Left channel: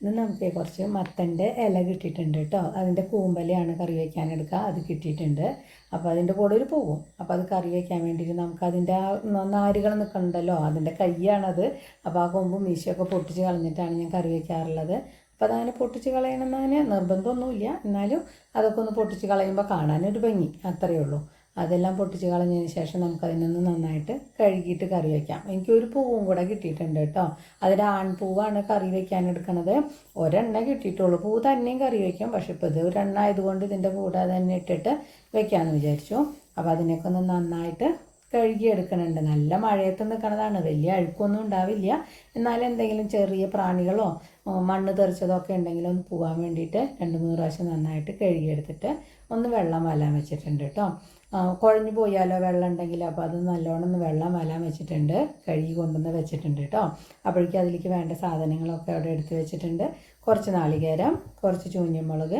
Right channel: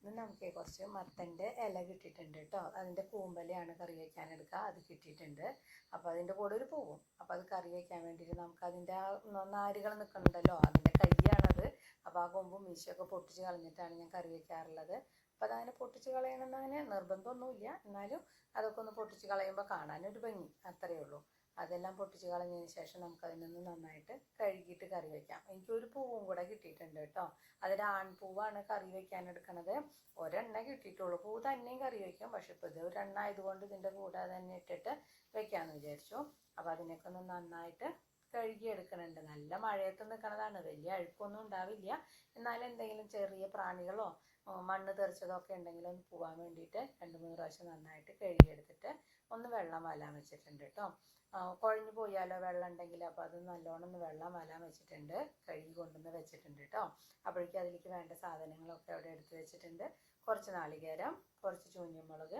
ഇന്ന് നമുക്ക് കുറച്ച് മത്തന്റെ ഇല കിട്ടിയിട്ടുണ്ട് കേട്ടോ. അതിന്റെ കൂമ്പലയാണ് കറി വയ്ക്കാൻ എടുക്കുക. അത് കിട്ടിയിട്ടുണ്ട്. അപ്പോൾ അതിന്റെ കൂടെ ഒരു പൂവും അപ്പോൾ അത് കറി വയ്ക്കാൻ വേണ്ടിയിട്ട് നമുക്ക് അതിന്റെ നാരുകൾ നിൽക്കണുണ്ടല്ലോ. അതിന്റെ കയ്യാണത് അപ്പോൾ ആ കൊമ്പും മീശയൊക്കെ പൊട്ടിച്ച് കളഞ്ഞിട്ടാണ് ഞാൻ കറി വയ്ക്കാറുള്ളത്. അപ്പോൾ അതങ്ങനെ പൊട്ടിച്ച് കളയണമെന്നതിന് നിർബന്ധമൊന്നുമില്ല. എന്നാലും അതൊക്കെ ഒന്ന് പൊട്ടിച്ച് കളയുമ്പോൾ കാണാനൊരു ഭംഗി. അത്രയേ ഉള്ളൂ. അതെല്ലാം പൊട്ടിച്ച് കളഞ്ഞതിന് ശേഷം നമുക്കതിനൊന്ന് നന്നായിട്ട് കഴുകിയിട്ട് കറി വയ്ക്കാം. എനിക്കൊരു പൂവും കൂടെ കിട്ടിയിട്ടുണ്ട് കേട്ടോ. അതിൽ ആൺപൂവാണ് കറി വയ്ക്കാൻ എടുക്കണത്. ഒരെണ്ണ കിട്ടിയിട്ടുള്ളൂ. പൂ തന്നെയും കറി വയ്ക്കും. പക്ഷെ ഇപ്പോൾ ഇത് ഒരെണ്ണ ആയതുകൊണ്ട് ഇതിന്റെ കൂടെ തന്നെ ഇട്ടിട്ട് വെക്കാമെന്ന് വിചാരിച്ചു. അപ്പോൾ അതിനൊക്കെ ഒന്ന് നന്നായിട്ട് കഴുകി എടുക്കണുണ്ട് നല്ല മഴയത്ത് നിൽക്കണതാണ്. വലിയ അഴുക്കൊന്നും ഉണ്ടാവില്ല. എന്നാലും എന്തെങ്കിലും ചെറിയ പ്രാണികളോ മണ്ണ് തെറിച്ചതോ ഒക്കെ ഉണ്ടെങ്കിൽ ഒന്ന് പോകാൻ വേണ്ടിയിട്ട് രണ്ട് മൂന്ന് പ്രാവശ്യം നന്നായിട്ട് കഴുകിയെടുത്തിട്ട് ഒന്ന് വെള്ളം വലാൻ വെച്ചിട്ടുണ്ട് കേട്ടോ. കുഴഞ്ഞു പോയാലോ വെള്ളം ഉണ്ടെങ്കിൽ അപ്പോൾ അത് നല്ലോണം ഒന്ന് വെള്ളം വലാൻ വെച്ചിട്ടുണ്ട്. കഴുകി കൊണ്ടുവന്ന് വെച്ചിട്ടുണ്ട് കേട്ടോ. അപ്പോഴേക്കും അതിലേക്ക് വേണ്ട സാധനങ്ങളൊക്കെ അവിടെ എടുത്ത് വെച്ചിട്ടുണ്ട്. കുറച്ച് നാളികേരം കുറച്ച് ചൂഞ്ഞിമുളക്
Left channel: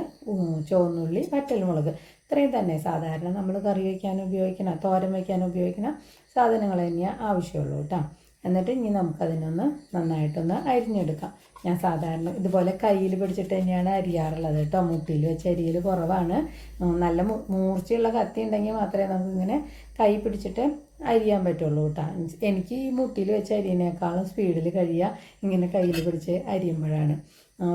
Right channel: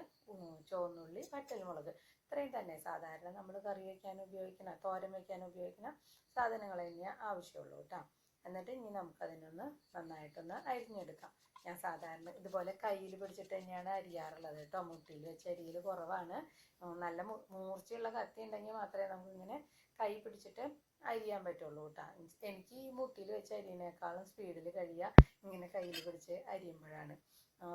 ചുവന്നുള്ളി വറ്റൽമുളക്. ഇത്രയും തന്നെ സാധാരണ നമ്മൾ കറി വയ്ക്കാൻ ഉപയോഗിക്കുന്ന തോരൻ വയ്ക്കാൻ ഉപയോഗിക്കുന്ന സാധനങ്ങൾ തന്നെയാണ് ആവശ്യമുള്ളൂ കേട്ടോ. എന്നിട്ട് ഇനി നമുക്കതിനൊന്ന് നന്നായിട്ടൊന്ന് അരിഞ്ഞെടുക്കാം. ഞാൻ സാധാരണ ഇതുപോലെ കയ്യിൽ പിടിച്ചിട്ട് തന്നെയാണ് അരിയാറുള്ളത് കേട്ടോ. മുട്ടിയിൽ വെച്ച് അരിയൽ കുറവാണ്. നല്ല മൂർച്ചയുള്ള കത്തി ഉണ്ടെങ്കിൽ മാത്രമേ നമുക്കിങ്ങനെ കൈ പിടിച്ചിട്ട് അരിയാൻ പറ്റുള്ളൂ കേട്ടോ. എനിക്ക് ഈ മുട്ടിയിൽ വെച്ച് അരിയനേക്കാളും സ്പീഡിൽ കഴിയുക ഇങ്ങനെ കയ്യിൽ പിടിച്ച് അരിയുമ്പോഴാണ്.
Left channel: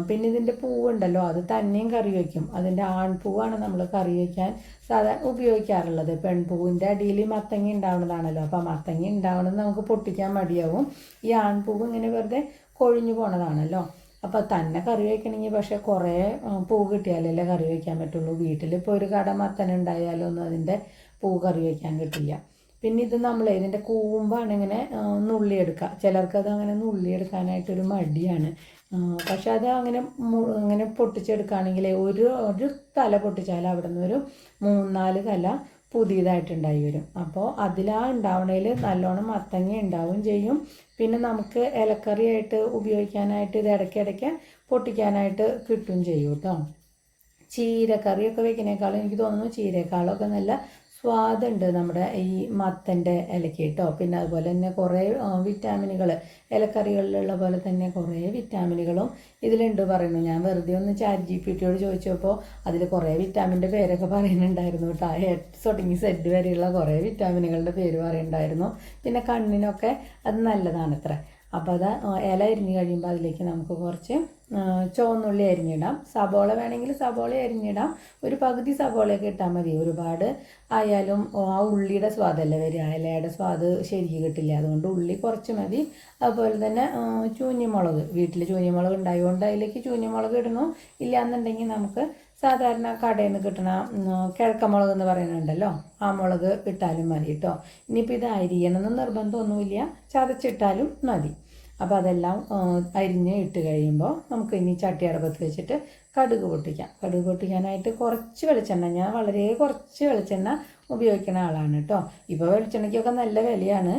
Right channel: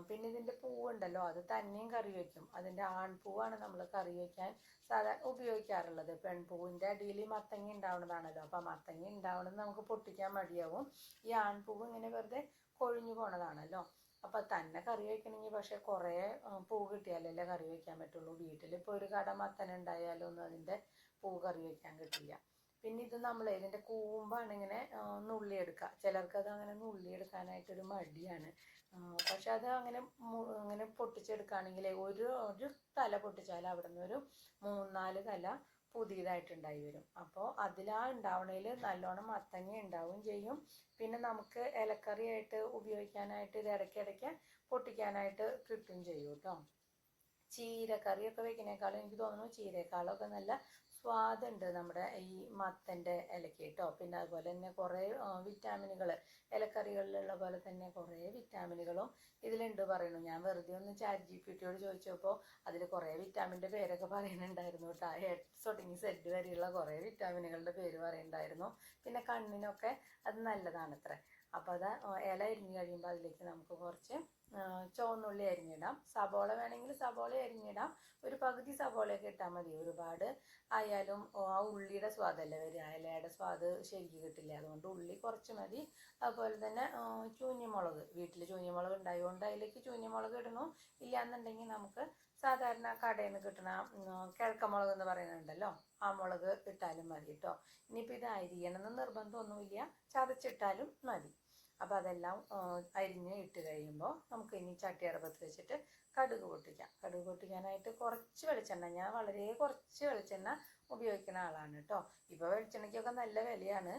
പിന്നെ ഇതിന്റെ പൂവുണ്ടല്ലോ അത് തന്നെയും കറി വയ്ക്കും അതിന്റെ ആൺപൂവാണ് നമ്മൾ കറി വയ്ക്കാൻ സാധാരണ ഉപയോഗിക്കാറുള്ളത്. പെൺപൂവിന്റെ അടിയിൽ മത്തങ്ങ ഉണ്ടാവുന്നതാണല്ലോ. അപ്പോൾ മത്തങ്ങ ഉണ്ടാവുന്നത് നമുക്ക് പൊട്ടിക്കാൻ മടിയാവും. ഈ ആൺപൂവ് ഇങ്ങനെ വെറുതെ കൊഴിഞ്ഞു പോണതാണല്ലോ. അപ്പോൾ തന്നെ കറി വയ്ക്കണമെങ്കിൽ പക്ഷേ കുറേ പൂ കിട്ടിയാലല്ലേ കറി വയ്ക്കാൻ പറ്റുള്ളൂ. വീട്ടിലിപ്പോൾ ഒരു കട ഒന്നും അതിന്റെ പൂ കറി വയ്ക്കാൻ കിട്ടില്ല. പിന്നെ ഇത് നമ്മൾ ഇതിന്റെ കൂമ്പാണ് ഇങ്ങനെ നുള്ളിയെടുക്കുക ചിലർക്കത് അങ്ങനെ നുള്ളിയെടുക്കാനായിട്ടൊരു മടിയാണ്. പക്ഷെ അത് അങ്ങനെ അങ്ങനെ പൊട്ടിച്ചെടുക്കുകയാണെങ്കിൽ ഒരു ഒരു തല പൊട്ടിച്ചാൽ അവിടെ നിന്ന് ഒരു മൂന്നാൽ തല പുതിയതായിട്ടുണ്ടായി വരും. അപ്പോൾ അതിലാ ഉണ്ടാവണതിൽ നല്ലോണം മത്തങ്ങ ഉണ്ടാവും ചെയ്യും. പിന്നെ നമുക്ക് ഇലക്കറിയായിട്ട് ഉപയോഗിക്കാനായിട്ട് ഇത് ഇടയ്ക്കിടയ്ക്ക് പൊട്ടിക്കാനായിട്ട് കിട്ടും ചെയ്യും കേട്ടോ. ചീരക്കറിയൊക്കെ വെക്കുന്നേക്കാളും എനിക്ക് തോന്നുന്നു ചീരക്കാളൊക്കെ നല്ല സ്വാദുണ്ട് നമ്മുടെ ഈ മത്തന്റെ ഇലയ്ക്ക് കേട്ടോ. പിന്നെ അതുപോലെ തന്നെ കുറേ വിറ്റാമിനുകൾ ഇലക്കറികളിലുള്ള പോലെ തന്നെ കുറേ വിറ്റാമിനുകളും ഇതിലുണ്ട് പറയുന്നു. ഞാൻ വെറുതെ ഒന്ന് ചാറ്റ് ജി പി ടിയോട് ചോദിച്ചപ്പോൾ അതിൽ കുറേ വിറ്റാമിന്റെ പേരൊക്കെ പറയുന്നുണ്ടായിരുന്നു കേട്ടോ. എട്ട് തുടങ്ങി സെഡ് വരെയുള്ള കുറേ വിറ്റാമിനുകളുടെ പേര് പറയുന്നുണ്ടായിരുന്നു. പിന്നെ കണ്ണിനൊക്കെ അത് നല്ലതാണ് അത്ര അപ്പോൾ അത് ഇല അരിഞ്ഞ് കഴിയുമ്പോൾ അതിലേക്ക് നമുക്ക് കുറച്ച് ചുവന്നുള്ളി അരിഞ്ഞിടാം. സബോള വേണമെങ്കിൽ സബോള അരിഞ്ഞിടാം. ഒരു പകുതി സബോളയൊക്കെ ഇട്ടാൽ മതി. ഒരുപാട് ആയാലും ആ ഉള്ളിയുടെ സ്വാദല്ലേ വരിക. ഇലയുടെ സ്വാദ് ശരിക്ക് കിട്ടില്ല. അതുകൊണ്ട് ഉള്ളി കുറച്ച് മതി. അതുപോലെ തന്നെ ചൂഞ്ഞിമുളക്. വീട്ടിൽ ചൂഞ്ഞിമുളക് ഉണ്ടായതുകൊണ്ട് അതിലേക്ക് ചൂഞ്ഞിമുളക് ഇടണം. ഇല്ലയെന്നുണ്ടെങ്കിൽ നമുക്ക് സാധാരണ കടയിൽ നിന്ന് കിട്ടുന്ന കിഴക്കമുളക് എന്ന് പറയുന്നുണ്ടല്ലോ ആ മുളക് ഇട്ടാലും മതി കേട്ടോ ഇനിയിപ്പോൾ ഇത് അരിയണമെന്ന് നിർബന്ധമൊന്നുമില്ല. ചതച്ചിട്ടാലും മതി. അപ്പോൾ അതെല്ലാം അരിഞ്ഞ് ഇട്ട് കഴിയുമ്പോൾ നമുക്ക് ഇനി ചട്ടി അടപ്പത്ത് വെച്ചിട്ട് കടുക് പൊട്ടിക്കാം. കടുക് പൊട്ടിക്കാനായിട്ട് കുറച്ച് വെളിച്ചെണ്ണ ഞാൻ വളരെ കുറച്ച് വെളിച്ചെണ്ണ ഉപയോഗിക്കുന്ന ആളാണ് കേട്ടോ. ഇപ്പോൾ വെളിച്ചെണ്ണയ്ക്കൊക്കെ നല്ല വിലയാണ്.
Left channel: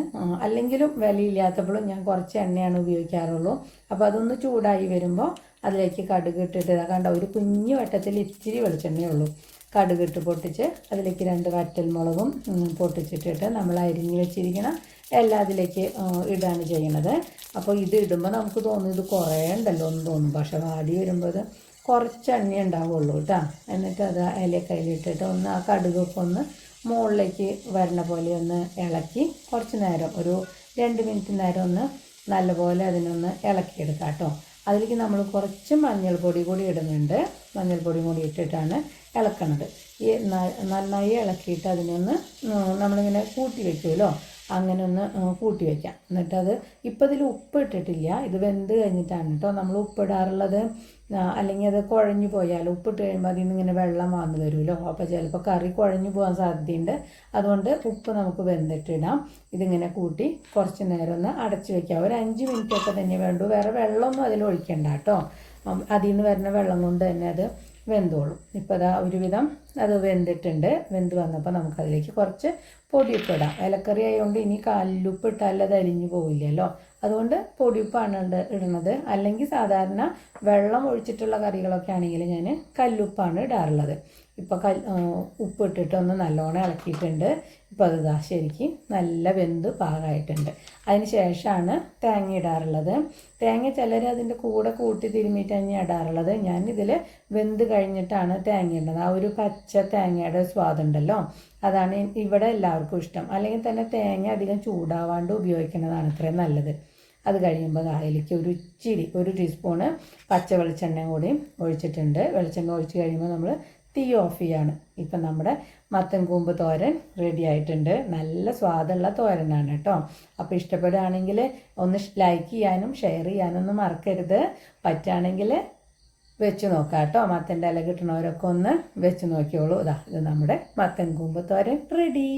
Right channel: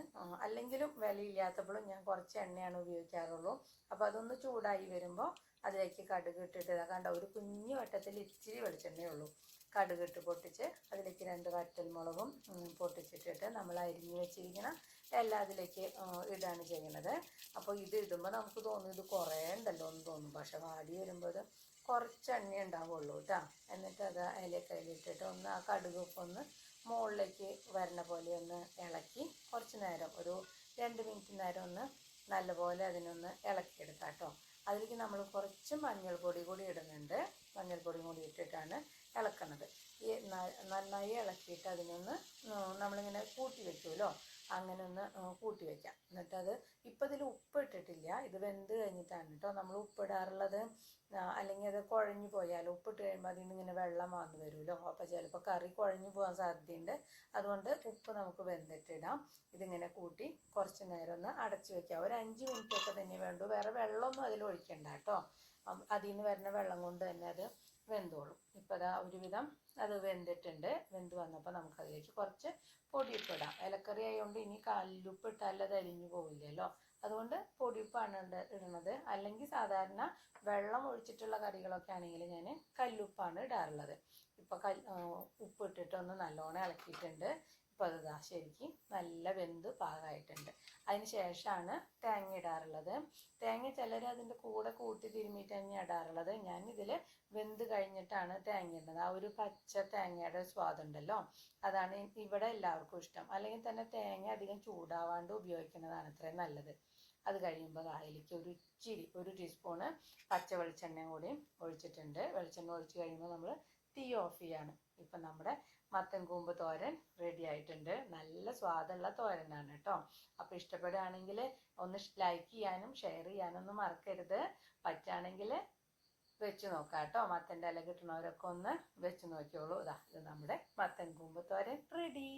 അല്ലെങ്കിലും വിലയില്ലാത്തപ്പോഴും ഞാൻ കുറച്ച് എണ്ണയാണ് ഉപയോഗിക്കാറുള്ളൂ. അപ്പോൾ അതൊന്ന് ചൂടായി വരുമ്പോൾ അതിലേക്ക് കടുക് ഇട്ടിട്ട് കണ്ട ഒരു കുഞ്ഞു വട്ടത്തിൽ ഇത്തിരി വെളിച്ചെണ്ണയേ ഉള്ളൂ. കടുക് ഇട്ട് പൊട്ടിച്ച് അതിലേക്ക് രണ്ട് വറ്റൽ മുളകും പൊട്ടിച്ചിട്ടിട്ട് നമ്മൾ അരിഞ്ഞ് വെച്ചിരിക്കുന്ന എല്ലാം അതിലേക്ക് ഇടുകയാണ് ചെയ്യണത് അപ്പോൾ ഇത് ഇടുമ്പോൾ നമുക്ക് തോന്നും ഇത് കുറേ ഉണ്ടല്ലോ എന്ന് തോന്നും പക്ഷെ വാടി വരുമ്പോൾ കുറച്ച് എണ്ണ ഉണ്ടാവുള്ളൂ കേട്ടോ എന്നിട്ട് അത് അതിലെ കയ്യിലിട്ടിട്ട് ഒന്ന് ആ കടുകൊക്കെ ഒന്ന് മുകളിലേക്ക് വരണ പോലെ ഒന്ന് ഇളക്കി കുറച്ച് നേരം ഒരു രണ്ട് മിനിറ്റ് നേരം ഒന്ന് നല്ലപോലെ അതിനൊന്ന് ഇളക്കിയെടുക്കാം കേട്ടോ അതിലേക്ക് നമ്മൾ കുറച്ച് മഞ്ഞൾപ്പൊടി കൂടി ഇടുന്നുണ്ട്. മഞ്ഞൾപ്പൊടി കൂടി ഇട്ടിട്ടാണ് ഇളക്കണത്. ഈ നന്നായി ഇളക്കിയിട്ട് അതിനൊന്ന് നമ്മളിങ്ങനെ കൂട്ടി വെക്കുമല്ലോ അങ്ങനെ ഒന്ന് കൂട്ടി വയ്ക്കാം എന്നിട്ടത് ഇപ്പോൾ ഇതിൽ ഉപ്പ് ഇട്ടിട്ടില്ല ഇത് വെന്ത് കഴിഞ്ഞിട്ടാണ് കേട്ടോ നമ്മൾ ഉപ്പിടാറുള്ളത്. അല്ലെങ്കിൽ അത് കുഴഞ്ഞു പോയാൽ ഉപ്പിട്ട് കഴിയുമ്പോൾ അതിൽ നിന്ന് ഇങ്ങനെ വെള്ളം വന്നു വരുമല്ലോ. അപ്പോൾ ചിലപ്പോൾ കറി കുഴഞ്ഞു പോകാൻ സാധ്യതയുണ്ട്. അതുകൊണ്ട് ഉപ്പ് നമുക്ക് വെന്തിട്ടിടാം. ഇതിങ്ങനെ കൂട്ടി കുറച്ച് നേരം ഒന്ന് അടച്ച് വയ്ക്കാം ഒരു അഞ്ച് മിനിറ്റ് ഒക്കെ തന്നെ വേണ്ടു. വേറെ വെള്ളമൊന്നും അതിൽ ഒഴിക്കണ്ട കേട്ടോ. അതിൽ നിന്ന് വരുന്ന വെള്ളം കൊണ്ട് തന്നെ അത് വെന്തോളും. ഇപ്പോൾ അതാ ഒരുവിധം അത് വെന്തിട്ടുണ്ട്. വെന്ത് വന്നപ്പോൾ നമുക്കതിലേക്ക് കുറച്ച് പൊടിയുപ്പ് ഇലക്കറി ആയതുകൊണ്ട് ഇനി കല്ലുപ്പ് ഇട്ടാൽ അത് അരിഞ്ഞു പോവില്ലല്ലോ. അതുകൊണ്ട് പൊടിയുപ്പാണ് ഇട- ഇടുന്നത്. അല്ലെങ്കിൽ സാധാരണ വെള്ളം ഒഴിച്ചിട്ടുള്ള കറികളൊക്കെ ആണെങ്കിൽ ഞാൻ കല്ലുപ്പാണ് ഇടാറുള്ളത്. ഇപ്പോൾ കൽ ഉപ്പ് ഒന്ന് നല്ലോണം ഇളക്കിയിട്ടുണ്ട്. ഇപ്പോൾ അത് ഇതാ ശരിക്കും നല്ല വെന്ത് പാകമായിട്ടുണ്ട് അതിന് ശേഷമാണ് തേങ്ങ ഇടാറുള്ളത്. തേങ്ങ ചിലർ അതിന്റെ കൂടെ കൂട്ടി തിരുമ്മിയിട്ട് തന്നെയാണ് ഇടാറുള്ളത്. ഞാൻ ഇതിൽ വെന്ത് കഴിഞ്ഞിട്ടാണ് തേങ്ങ ഇടുന്നത്. ആ ഒരു പച്ച തേങ്ങയുടെ സ്വാദുണ്ടല്ലോ അതാണ് ഇവിടെ എല്ലാവർക്കും ഇഷ്ടം. അല്ലെങ്കിൽ തന്നെ തേങ്ങ അധികം ചൂടാവാണ്ട് ഉപയോഗിക്കുന്നതാണ് ഇത്രയും നല്ലത്. അത് കഴിയുമ്പോൾ അതിലേക്ക് ഒരു ഇച്ചിരി ഒരു ടീസ്പൂണ് പച്ച വെളിച്ചെണ്ണയും കൂടി ഒഴിച്ചിട്ടുണ്ട്. വെളിച്ചെണ്ണ ഒഴിച്ച് കഴിയുമ്പോൾ നമ്മൾ തീ ഓഫ് ചെയ്യാണ്. ഇപ്പം നമ്മുടെ മത്തൻ കൂമ്പ് തോരൻ റെഡി ആയിട്ടുണ്ട്. നല്ല സ്വാദുള്ള തോരനാണ് കേട്ടോ. അപ്പോൾ ഇഷ്ടപ്പെടുകയാണെങ്കിൽ ഒന്ന് ലൈക്ക് ചെയ്യാനും ഷെയർ ചെയ്യാനൊന്നും മറക്കരുത്. പറ്റുകയാണെങ്കിൽ വെച്ച് നോക്കാം കേട്ടോ മത്തന്റെ ഇല കിട്ടണവരൊക്കെ ഒന്ന് വെച്ച് നോക്കിയോളൂ. ഇതാ ഇത് നമ്മുടെ മത്തൻ കൂമ്പ് തോരൻ. റെഡി